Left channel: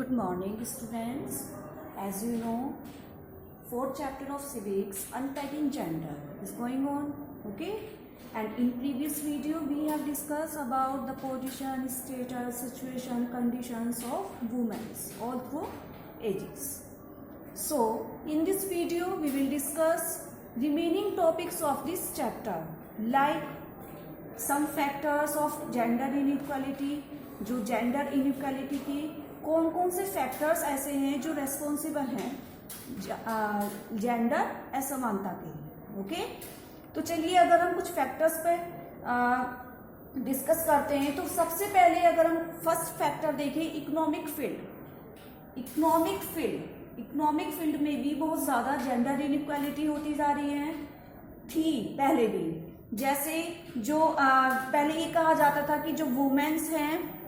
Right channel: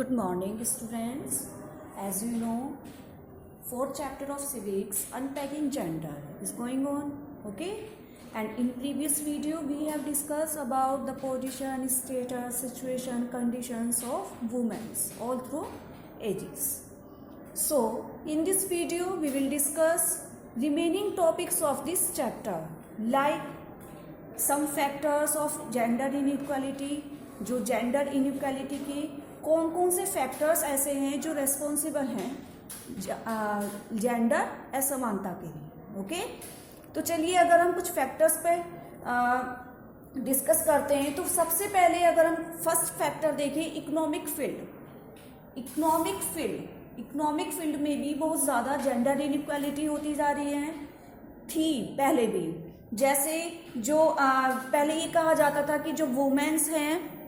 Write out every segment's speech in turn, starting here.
Good morning, students. As you know, fourth chapter of civics, unpacking gender, is going on. Okay, and in previous video we have discussed about the position, status, situation, conditions of women all through ages. So in this video we will discuss remaining topics of this chapter, like some factors of gender inequality. जो gender inequality के कौन कौन से factors ऐसे हैं जो responsible हैं gender असमानता के लिए. ओके, तो चलिए अगर हम कुछ फैक्टर्स पे डिस्कस करते हैं तो सबसे पहले अगर हम फर्स्ट फैक्टर देखें इकोनॉमिक फील्ड में भी बहुत ज्यादा जेंडर इनइक्वालिटी होती जा रही है. थी पहले भी, जैसे जो पहले ये कहा जाता था कि जो वुमेन्स हैं,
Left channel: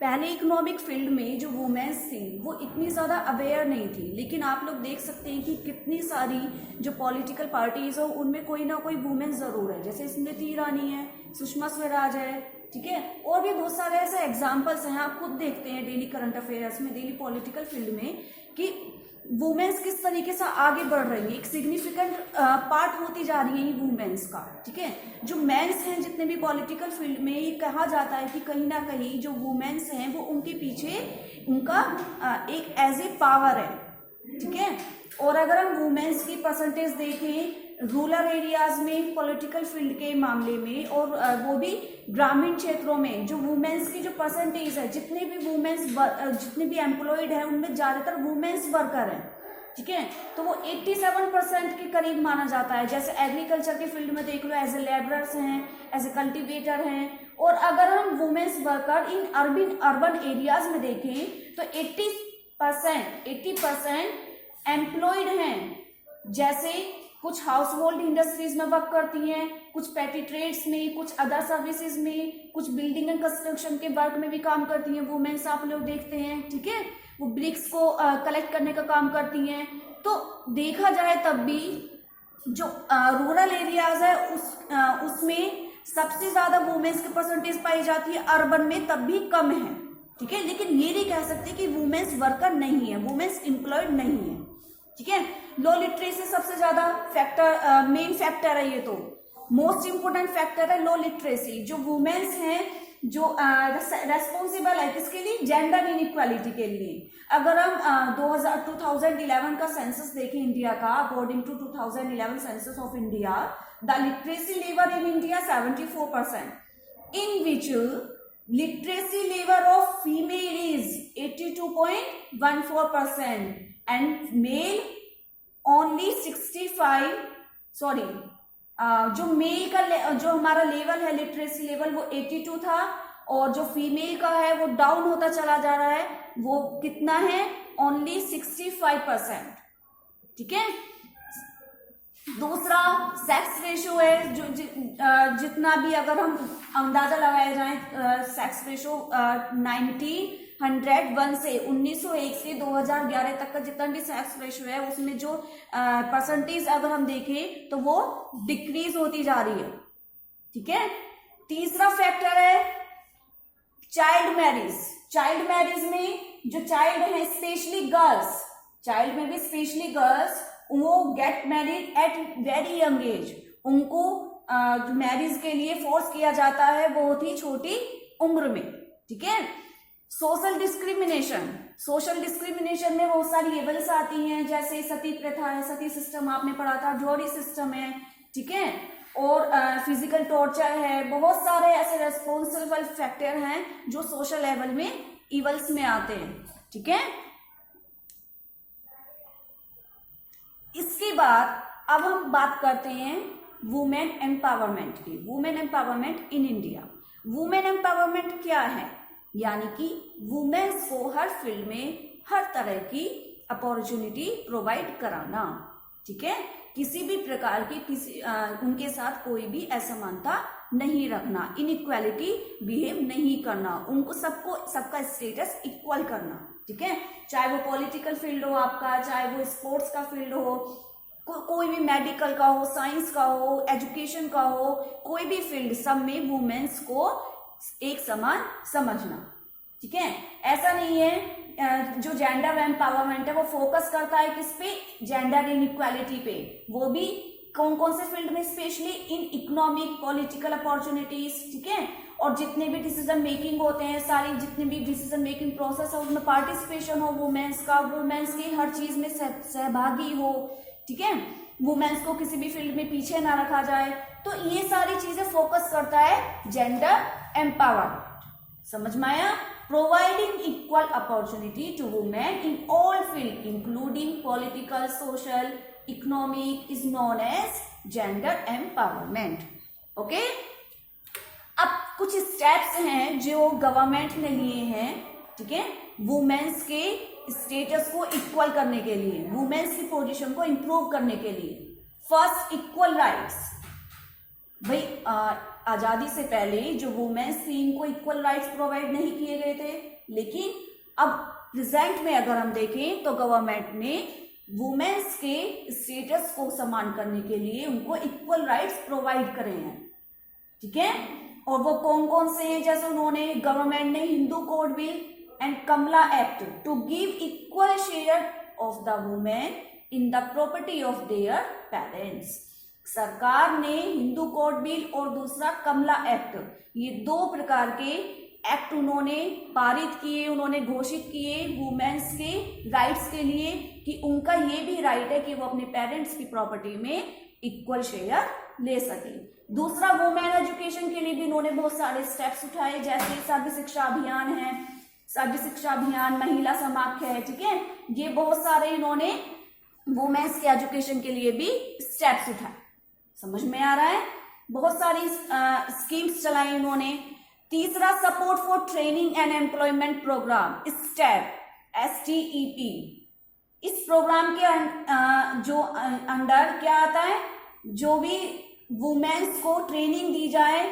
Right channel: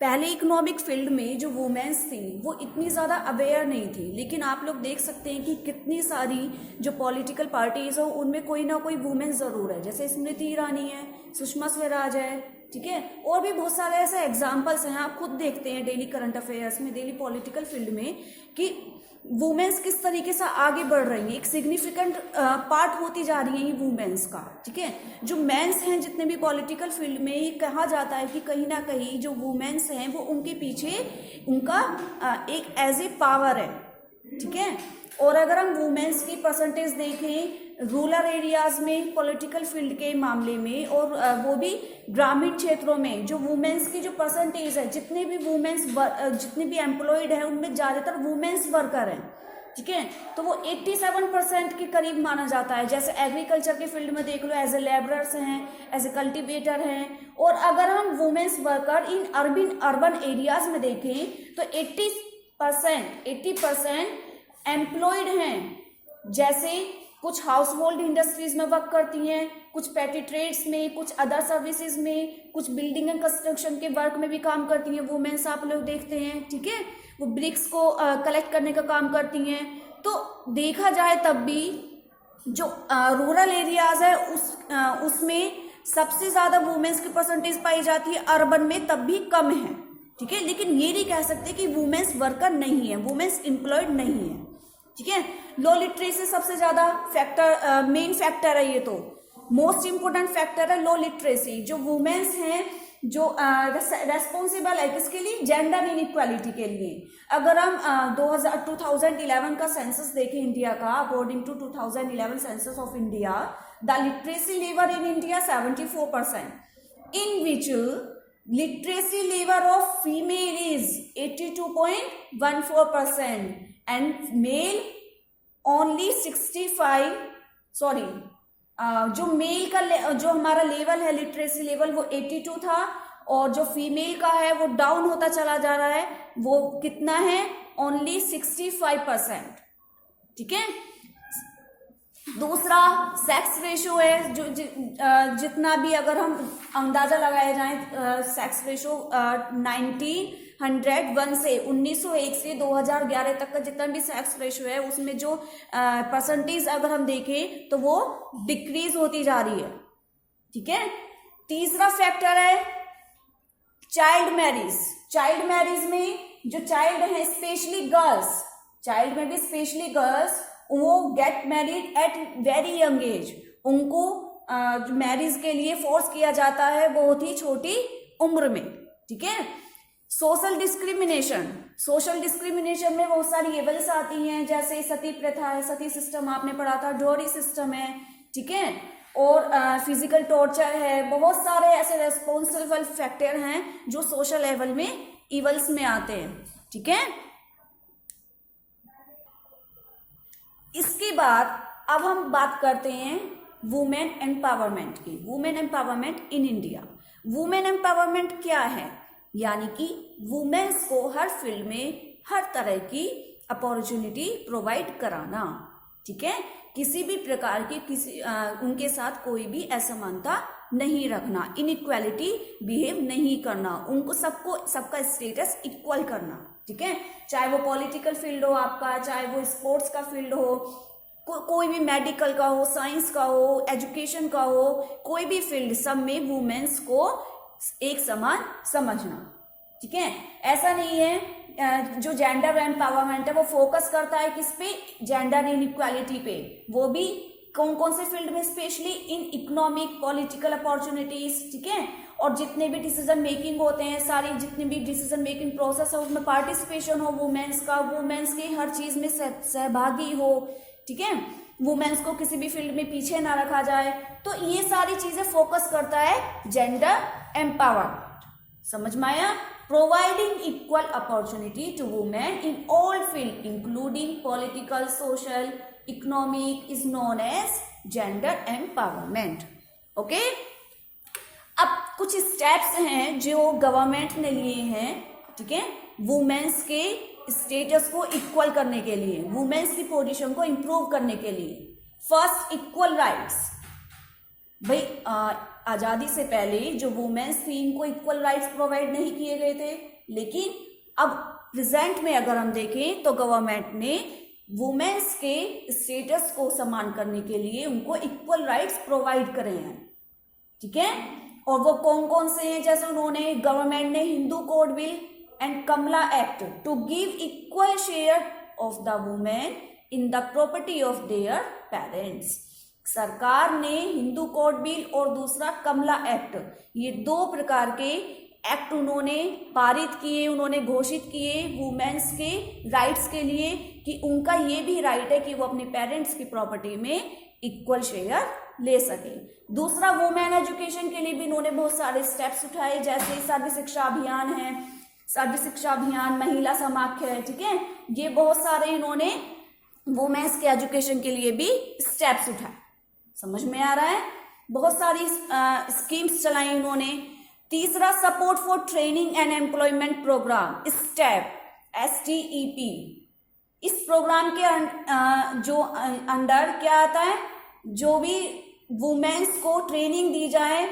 पहले इकोनॉमिक फील्ड में जो वुमेन्स थी वो इतनी ज़्यादा अवेयर नहीं थी, लेकिन आप लोग देख सकते हैं कि कितनी सारी जो पॉलिटिकल पार्टीज हो उनमें कोई ना कोई वुमेन्स ज़रूर है. जैसे स्मृति ईरानी है, सुषमा स्वराज है, ठीक है, और भी बहुत सारे ऐसे एग्जाम्पल्स हैं. आप खुद देखते हैं डेली करंट अफेयर्स में, डेली पॉलिटिकल फील्ड में कि वुमेन्स किस तरीके से आगे बढ़ रही हैं. एक सिग्निफिकेंट पार्ट होती जा रही है ये वुमेन्स का. ठीक है, जो मेंस हैं जितने भी पॉलिटिकल फील्ड में, ये कहा जाता है कि कहीं ना कहीं जो वुमेन्स हैं वो उनके पीछे उनका एक एज ए पावर है. ठीक है, और अगर हम वुमेन्स की परसेंटेज देखें रूरल एरियाज में पॉलिटिकल फील्ड के मामले में, और वो भी ग्रामीण क्षेत्रों में, जो वुमेन्स की जो परसेंटेज है, जितने भी एम्प्लॉयड है उनमें ज्यादातर वुमेन्स वर्कर हैं. ठीक है, तो वो 87% के करीब माना जाता है. जैसे एग्रीकल्चर के फील्ड में देख लो, एज ए लेबरर्स हैं, एज ए कल्टिवेटर हैं. और अगर हम women's worker in urban areas में देखें तो 80% एम्प्लॉयड हैं. जैसे कुछ हाउस होल्ड इंडस्ट्रीज में वर्क करती हैं, कुछ पेटी ट्रेड्स में, कुछ अदर सर्विसेज में, कुछ बिल्डिंग एंड कंस्ट्रक्शन के वर्क में भी काम करती हैं वुमेन्स. आप लोग देखते हैं, ठीक है, वो ब्रिक्स को कलेक्ट करने का काम करती हैं. तो देखा जाए तब भी जो रूरल एरियाज है उसमें सबसे ज्यादा वुमेन्स की परसेंटेज पाई जाती है. अर्बन में तब भी कम है. ठीक है, लेकिन ये नहीं कह सकते कि वुमेन्स वर्कर नहीं है, वुमेन्स एम्प्लॉयड नहीं है. ठीक है, लो लिटरेसी सबसे ज्यादा फैक्टर, मेन फैक्टर है. ये तो मोस्ट इंपोर्टेंट फैक्टर है लो लिटरेसी. जो वुमेन्स हैं जो रेस्पॉन्सिबल है किसके लिए, जेंडर इनइक्वालिटी के लिए. अगर हम 2011 का सेंसस देखें इंडिया का, according to 2011 census of India, the literacy level in India 74%, in which literacy level of female is 82.14% and male only 65. Sorry, जो मेल का जो हमारा लेवल है लिटरेसी लेवल वो 82 था, और जो फीमेल का है वो डाउन होता चला जा रहा है. वो कितना है, ओनली 65%. ठीक है, दूसरा सेक्स रेशो है. जो जितना भी अगर हम अंदाजा लगाया जाए, सेक्स रेशो 1901 से 1901 से 2011 तक का जितना भी सेक्स रेशो है उसमें जो परसेंटेज अगर हम देखें तो वो डिक्रीज होती जा रही है. ठीक है, तीसरा फैक्टर है चाइल्ड मैरिज में जो चाइल्ड है, स्पेशली गर्ल्स, चाइल्ड में भी स्पेशली गर्ल्स, वो get married at very young age. उनको मैरिज के लिए फोर्स किया जाता है बहुत ही छोटी उम्र में. ठीक है, सोशल डिस्क्रिमिनेशन में बहुत सारी लेवल्स आती हैं. जैसे सती प्रथा है, सती सिस्टम आपने पढ़ा था, डोरी सिस्टम है. ठीक है, और फिजिकल टॉर्चर है. बहुत सारे ऐसे रेस्पॉन्सिबल फैक्टर हैं जो सोशल लेवल में इवल्स में आते हैं. ठीक है, इसके बाद अब हम बात करते हैं वुमेन एम्पावरमेंट की. Women empowerment in India. Women empowerment क्या है, यानी कि वुमेन्स को हर फील्ड में हर तरह की अपॉर्चुनिटी प्रोवाइड कराना. ठीक है, किसी भी प्रकार की उनके साथ कोई भी असमानता नहीं रखना, इनइक्वालिटी बिहेव नहीं करना, उनको सबका स्टेटस इक्वल करना. ठीक है, चाहे वो पॉलिटिकल फील्ड हो आपका, चाहे वो स्पोर्ट्स का फील्ड हो, कोई भी मेडिकल का हो, साइंस का हो, एजुकेशन का हो, कोई भी फील्ड, सब में वुमेन्स को एक समान समझना. ठीक है। ऐसा नहीं है जो जेंडर एम्पावरमेंट है वो फोकस करता है किस पे, जेंडर इनइक्वालिटी पे, वो भी कौन कौन से फील्ड में, specially in economic political opportunities, ठीक है। और जितने भी डिसीजन मेकिंग होते हैं, सारी जितने भी डिसीजन मेकिंग प्रोसेस है उसमें पार्टिसिपेशन हो वुमेन्स का, वुमेन्स की हर चीज में सहभागी हो, ठीक है, वुमेन्स को किसी भी फील्ड में पीछे ना रखा जाए। तो ये सारी चीजें फोकस करता है जेंडर एम्पावरमेंट। समझ में आया? Providing equal opportunity to women in all field including political, social, economic is known as gender empowerment. Okay, अब कुछ स्टेप्स हैं जो गवर्नमेंट ने लिए हैं, ठीक है, वुमेन्स के स्टेटस को इक्वल करने के लिए, वुमेन्स की पोजीशन को इंप्रूव करने के लिए। First, equal rights. भाई आजादी से पहले जो वुमेन्स थी इनको इक्वल राइट्स प्रोवाइड नहीं किए गए थे, लेकिन अब प्रेजेंट में अगर हम देखें तो गवर्नमेंट ने वुमेन्स के स्टेटस को समान करने के लिए उनको इक्वल राइट्स प्रोवाइड करे हैं, ठीक है। और वो कौन कौन से हैं? जैसे उन्होंने, गवर्नमेंट ने Hindu code bill and Kamala act to give equal share of the women in the property of their parents. सरकार ने हिंदू कोड बिल और दूसरा कमला एक्ट, ये दो प्रकार के एक्ट उन्होंने पारित किए, उन्होंने घोषित किए वुमेन्स के राइट्स के लिए कि उनका ये भी राइट है कि वो अपने पेरेंट्स की प्रॉपर्टी में इक्वल शेयर ले सके। दूसरा, वुमेन एजुकेशन के लिए भी इन्होंने बहुत सारे स्टेप्स उठाए, जैसे सर्व शिक्षा अभियान है, सर्व शिक्षा अभियान, महिला समाख्या है, ठीक है। ये बहुत सारे इन्होंने वुमेन्स के एजुकेशन के लिए भी स्टेप्स उठाए। समझ में आ रहा है? बहुत सारी स्कीम्स चलाई इन्होंने। तीसरा, support for training and employment programme, step, STEP। इस प्रोग्राम के जो अंडर क्या आता है, जो भी वुमेन्स को ट्रेनिंग दी जाए,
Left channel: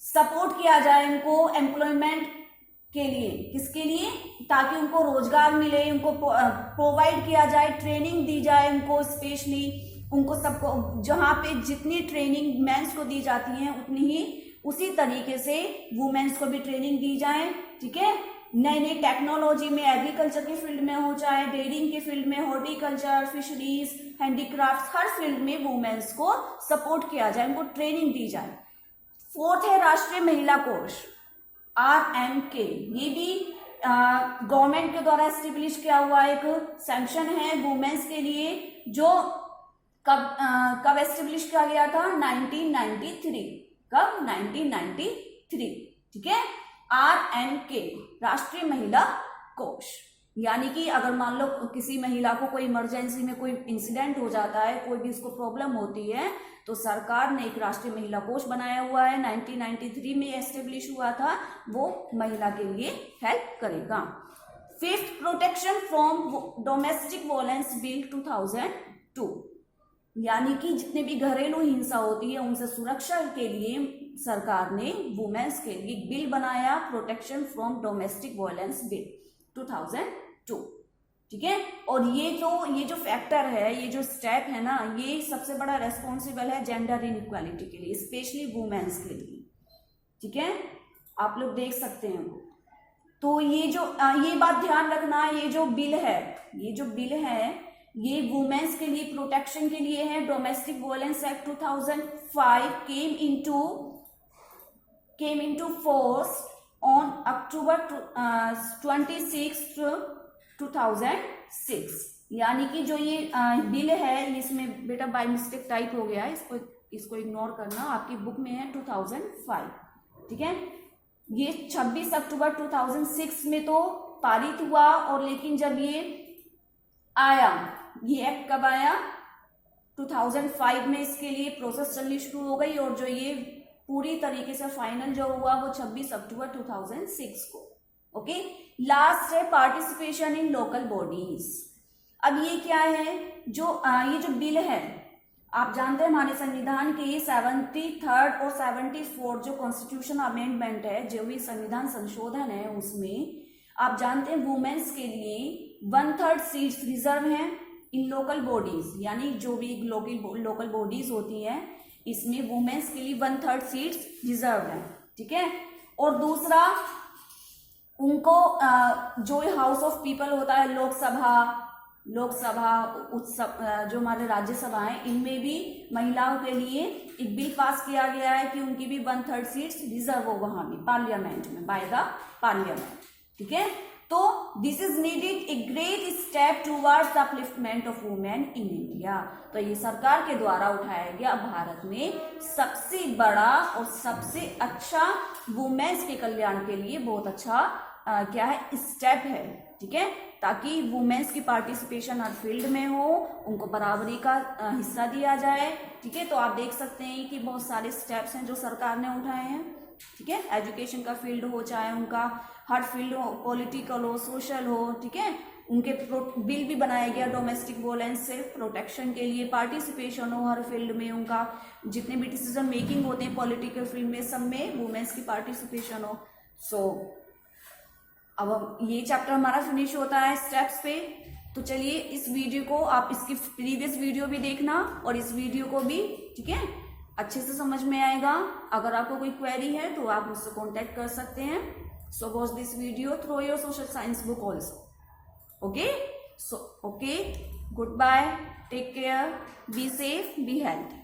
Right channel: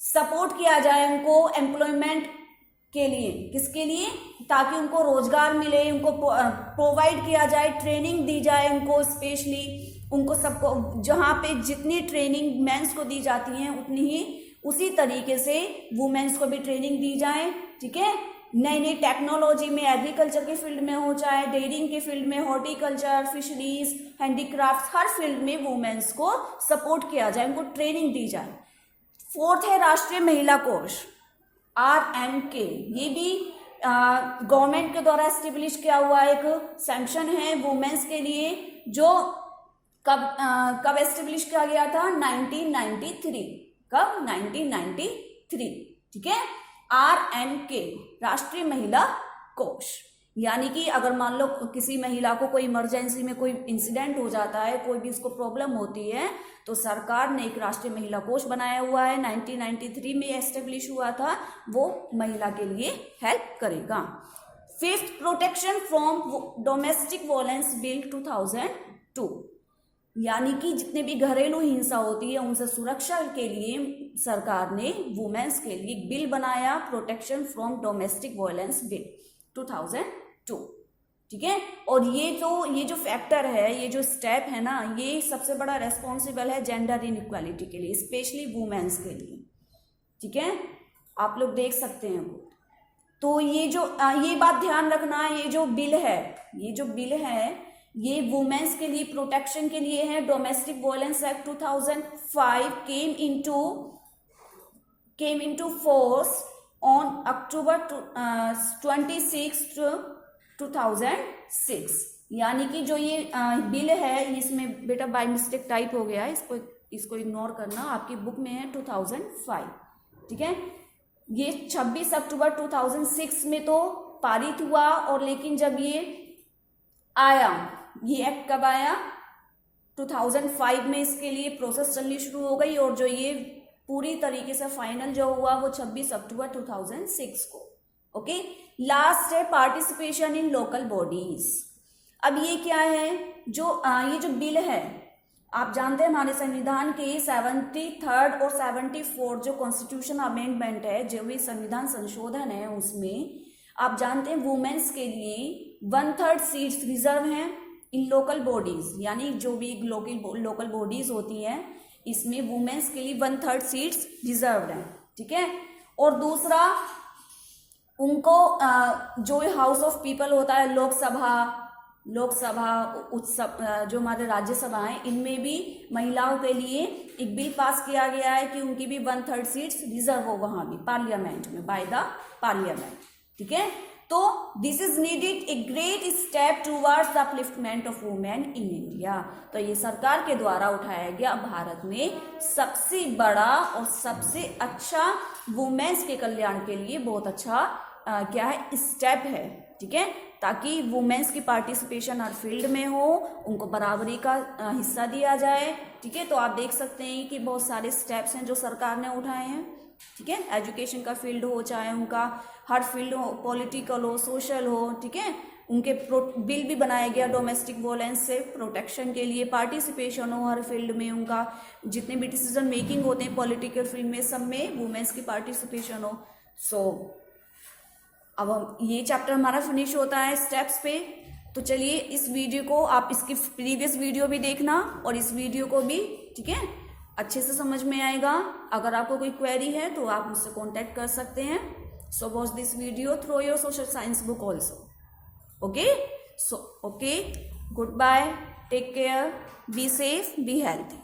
सपोर्ट किया जाए उनको एम्प्लॉयमेंट के लिए, किसके लिए, ताकि उनको रोजगार मिले, उनको प्रोवाइड किया जाए, ट्रेनिंग दी जाए उनको, स्पेशली उनको सबको, जहां पे जितनी ट्रेनिंग मेंस को दी जाती है उतनी ही उसी तरीके से वुमेन्स को भी ट्रेनिंग दी जाए, ठीक है। नई नई टेक्नोलॉजी में, एग्रीकल्चर के फील्ड में हो, चाहे डेयरिंग के फील्ड में, हॉर्टिकल्चर, फिशरीज, हैंडीक्राफ्ट, हर फील्ड में वुमेन्स को सपोर्ट किया जाए, उनको ट्रेनिंग दी जाए। फोर्थ है राष्ट्रीय महिला कोष, RMK। ये भी गवर्नमेंट के द्वारा एस्टेब्लिश किया हुआ एक सैंक्शन है वुमेन्स के लिए, जो कब एस्टेब्लिश किया गया था? 1993। कब? 1993, ठीक है। RMK, राष्ट्रीय महिला कोष। यानी कि अगर मान लो किसी महिला को कोई इमरजेंसी में कोई इंसिडेंट हो जाता है, कोई भी उसको प्रॉब्लम होती है, तो सरकार ने एक राष्ट्रीय महिला कोष बनाया हुआ है, 1993 में एस्टेब्लिश हुआ था, वो महिला के लिए हेल्प करेगा। Fifth, protection from domestic violence bill 2002। यानी कि जितने भी घरेलू हिंसा होती है उनसे सुरक्षा के लिए सरकार ने वुमेन्स के लिए एक बिल बनाया, protection from domestic violence bill 2002, ठीक है। और ये जो फैक्टर है, ये जो स्टेप है ना, ये सबसे बड़ा रेस्पॉन्सिबल है जेंडर इनइक्वालिटी के लिए, स्पेशली वुमेन्स के लिए, ठीक है। आप लोग देख सकते हैं। तो ये बात ध्यान रखना, ये जो बिल है ये वुमेन्स के लिए प्रोटेक्शन के लिए है। Domestic violence act 2005 came into force on October 26, 2006। यानी कि जो ये बिल है, इसमें बेटा बाय मिस्टेक टाइप हो गया है, इसको इग्नोर करना, आपकी बुक में है 2005, ठीक है। ये 26 अक्टूबर 2006 में तो पारित हुआ, और लेकिन जब ये आया, ये एक्ट कब आया? 2005 में इसके लिए प्रोसेस चलनी शुरू हो गई, और जो ये पूरी तरीके से फाइनल जो हुआ वो 26 अक्टूबर 2006 को। ओके, लास्ट है पार्टिसिपेशन इन लोकल बॉडीज। अब ये क्या है? ये जो बिल है, आप जानते हैं हमारे संविधान के 73rd और 74 जो कॉन्स्टिट्यूशन अमेंडमेंट है, जो भी संविधान संशोधन है, उसमें आप जानते हैं वुमेन्स के लिए 1/3 सीट्स रिजर्व हैं इन लोकल बॉडीज, यानी जो भी लोकल बॉडीज होती हैं इसमें वुमेन्स के लिए 1/3 सीट्स रिजर्व हैं, ठीक है। और दूसरा उनको जो हाउस ऑफ पीपल होता है, लोकसभा उत्सव, जो हमारे राज्यसभा है, इनमें भी महिलाओं के लिए एक बिल पास किया गया है कि उनकी भी 1/3 सीट्स रिजर्व हो वहां भी पार्लियामेंट में, बाय द पार्लियामेंट। ठीक है, तो this is needed a great step towards the upliftment of women in India. तो ये सरकार के द्वारा उठाया गया भारत में सबसे बड़ा और सबसे अच्छा वुमेन्स के कल्याण के लिए बहुत अच्छा क्या है स्टेप है। ठीक है, ताकि वुमेन्स की पार्टिसिपेशन हर फील्ड में हो, उनको बराबरी का हिस्सा दिया जाए। ठीक है, तो आप देख सकते हैं कि बहुत सारे स्टेप्स हैं जो सरकार ने उठाए हैं। ठीक है, एजुकेशन का फील्ड हो, चाहे उनका हर फील्ड हो, पॉलिटिकल हो, सोशल हो। ठीक है, उनके बिल भी बनाया गया डोमेस्टिक वोलेंस से प्रोटेक्शन के लिए, पार्टिसिपेशन हो हर फील्ड में, उनका जितने भी डिसीजन मेकिंग होते हैं पॉलिटिकल फील्ड में, सब में वुमेन्स की पार्टिसिपेशन हो। सो अब ये चैप्टर हमारा फिनिश होता है स्टेप्स पे। तो चलिए इस वीडियो को आप इसकी प्रीवियस वीडियो भी देखना और इस वीडियो को भी, ठीक है, अच्छे से समझ में आएगा। अगर आपको कोई क्वेरी है तो आप मुझसे कांटेक्ट कर सकते हैं। So watch this video through your social science book also. Okay, so okay, goodbye, take care, be safe, be healthy.